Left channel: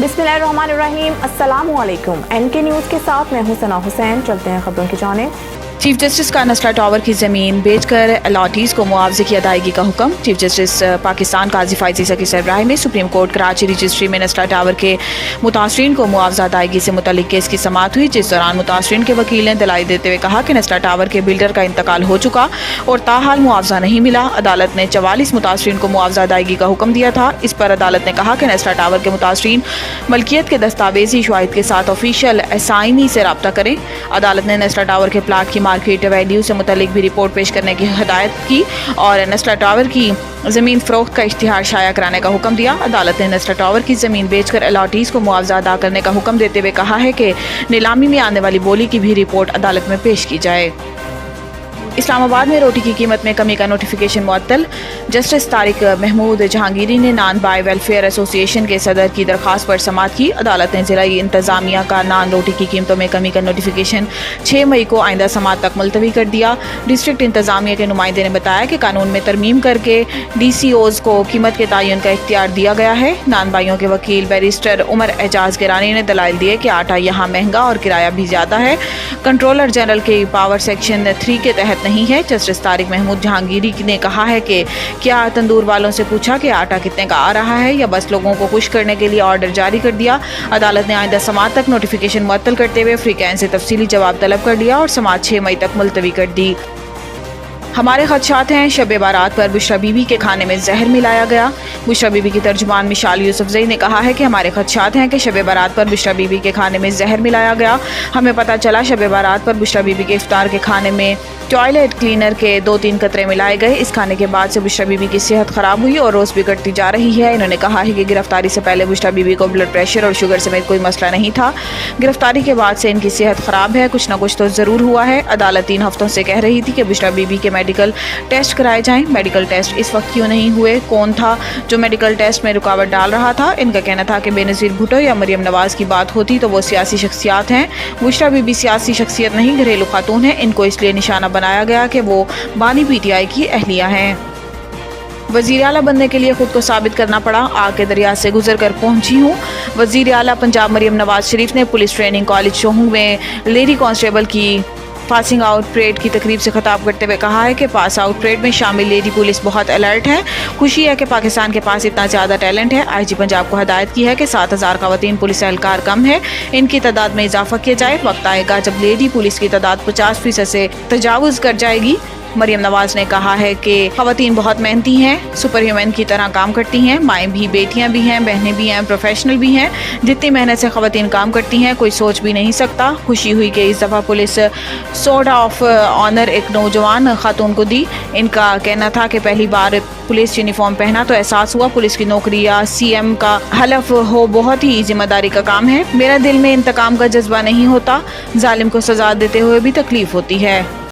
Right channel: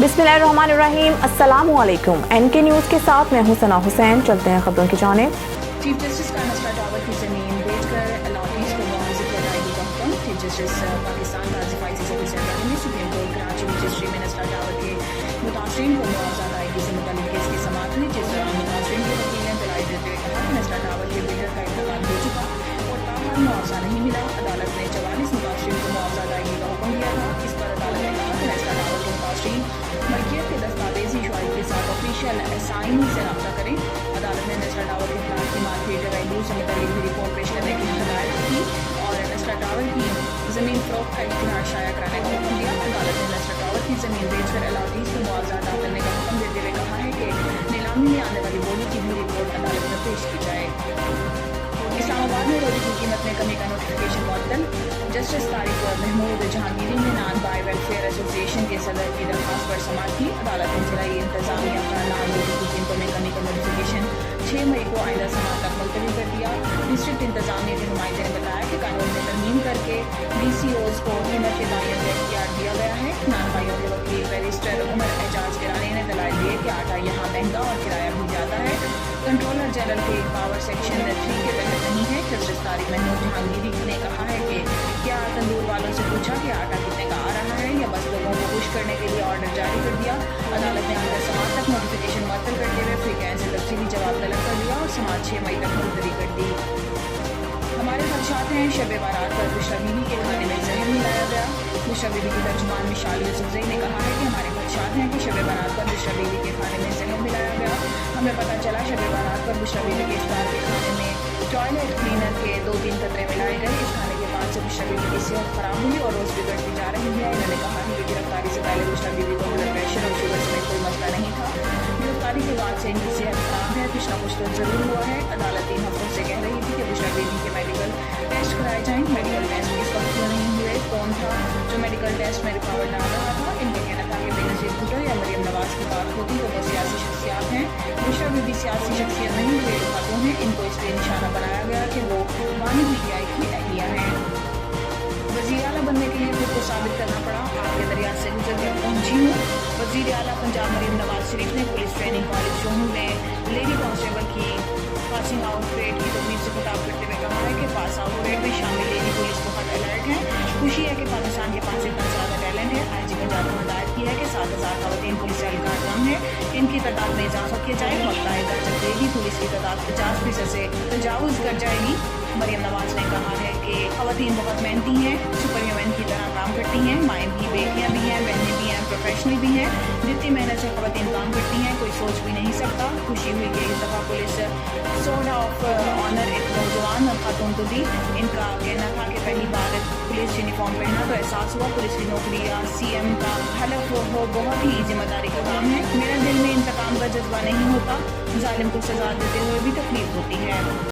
बिस्मिल्लाहिर्रहमानिर्रहीम। अस्सलामु अलैकुम। एनके न्यूज़ के साथ मैं हूं सना हुसैन। चलते हैं खबरों की जानिब। चीफ जस्टिस का नस्ला टावर की ज़मीन बेचकर अलॉटीज़ को मुआवजे की अदायगी का हुक्म। चीफ जस्टिस पाकिस्तान काजी फाइज़ ईसा की सरबराही में सुप्रीम कोर्ट कराची रजिस्ट्री में नस्ला टावर के मुतासरीन को मुआवजा अदायगी से मुतल्लिक केस की समाअत हुई, जिस दौरान मुतासरीन के वकील ने दलाइल देते हुए कहा कि नस्ला टावर के बिल्डर का इंतकाल हो चुका और ताहाल मुआवजा नहीं मिला। अदालत ने 44 मुतासरीन को मुआवजा अदायगी का हुक्म दिया था। इस पर अदालत ने कहा कि नस्ला टावर के मुतासरीन मलकियत के दस्तावेजी शवाहिद के साथ ऑफिशियल असाइनी से रब्ता करें। अदालत ने नस्ला टावर के प्लाट की मार्केट वैल्यू से मुतालिक भी रिपोर्ट पेश करने की हिदायत की और नस्ला टावर की ज़मीन फरोख्त का इश्तिहार शाया कराने का हुक्म दिया। अदालत ने नस्ला टावर की ज़मीन बेचकर अलॉटीज़ को मुआवजा अदा करने का हुक्म देते हुए कहा है कि नीलामी में आने वाली बोली की भी रिपोर्ट अदालत में पेश की जाए। इस्लामाबाद में रोटी की कीमत में कमी का नोटिफिकेशन मुअत्तल। जस्टिस तारिक महमूद जहांगीरी ने नॉन बाय वेलफेयर एसोसिएशन के सदर की दरख्वास्त पर समाअत की। अदालत ने ज़िला इंतज़ामिया का नॉन रोटी की कीमतों में कमी का नोटिफिकेशन 6 मई को आइंदा समाअत तक मुलतवी कर दिया। डिस्ट्रिक्ट इंतज़ामिया के नुमाइंदे ने बताया कि कानून में तरमीम करके DCOs को कीमत के तयन का इख्तियार दिया गया है। नॉन बाइयों के वकील बैरिस्टर उमर एजाज गिरानी ने दलाइल दिए कि आटा यहाँ महंगा और किराया भी ज़्यादा है, कंट्रोलर जनरल के पावर सेक्शन 3 के तहत नहीं है। जस्टिस तारिक महमूद जहांगीरी ने कहा है कि क्या तंदूर वालों से पूछा कि आटा कितने का आ रहा है या बस लोगों को खुश करने के लिए ऑर्डर जारी कर दिया। अदालत ने आइंदा समाअत तक नोटिफिकेशन मुअत्तल करते हुए फ्रीकैन से तफसीली जवाब तलब कर लिया और समाअत 6 मई तक मुलतवी कर दी। हमारे खदशात हैं, शब बारात पर बुशरा बीबी के खाने में जहर मिलाया गया। बुशरा बीबी की तर्जुमान मिशाल यूसुफजई ने कहा है कि हमारे खदशात हैं कि शब बारात पर बुशरा बीबी के खाने में जहर मिलाया गया। हमें पता चला शब बारात पर बुशरा बीबी के इफ्तार के खाने में टॉयलेट क्लीनर के 2-3 कतरे मिलाए गए। इस खाने के बाद से बुशरा बीबी की सेहत खराब हुई और रोज़ बिगड़ती जा रही है। इन्होंने कहा है कि गिरफ्तारी से पहले बुशरा बीबी को ब्लड प्रेशर और शुगर समेत कोई मसला नहीं था। गिरफ्तारी के बाद से इनकी सेहत खराब है, कुछ ना कुछ तो ज़रूर हुआ है। अदालत 3 हफ्तों से कह रही थी कि बुशरा बीबी के मेडिकल टेस्ट कराए जाएं। मेडिकल टेस्ट इस वक्त क्यों नहीं हुए? कौन था जो मेडिकल टेस्ट में रुकावट डाल रहा था? इनका कहना था कि बेनज़ीर भुट्टो या मरियम नवाज़ की बात होती तो वो सियासी शख्सियात हैं। बुशरा बीबी सियासी शख्सियत नहीं, घरेलू खातून है। इनको इसलिए निशाना बनाया गया कि वो बानी PTI की अहलिया हैं। वज़ीर आला बनने के लिए खुद को साबित करना पड़ा, आग के दरिया से गुजर कर पहुंची हूँ। वज़ीर आला पंजाब मरियम नवाज शरीफ ने पुलिस ट्रेनिंग कॉलेज शोहू में लेडी कांस्टेबल की पासिंग आउट परेड की तकरीब से खिताब करते हुए कहा है कि पास आउट परेड में शामिल लेडी पुलिस बहुत अलर्ट है। खुशी है कि पाकिस्तान के पास इतना ज़्यादा टैलेंट है। IG पंजाब को हदायत की है कि 7000 ख़वातीन पुलिस एहलकार कम है, इनकी तादाद में इजाफा किया जाए। वक्त आएगा जब लेडी पुलिस की तादाद 50% से तजावुज़ कर जाएगी। मरियम नवाज ने कहा है कि ख़वातीन बहुत मेहनती हैं, सुपर ह्यूमन की तरह काम करती हैं, माएँ भी, बेटियां भी हैं, बहनें भी हैं, प्रोफेशनल भी हैं। जितनी मेहनत से ख़वातीन काम करती हैं कोई सोच भी नहीं सकता। खुशी हुई कि इस दफ़ा पुलिस सोर्ड ऑफ ऑनर एक नौजवान खातून को दी। इनका कहना था कि पहली बार पुलिस यूनिफॉर्म पहना तो एहसास हुआ पुलिस की नौकरी या CM का हलफ हो बहुत ही जिम्मेदारी का काम है। मेरा दिल में इंतकाम का जज्बा नहीं होता, जालिम को सजा देते हुए भी तकलीफ होती है।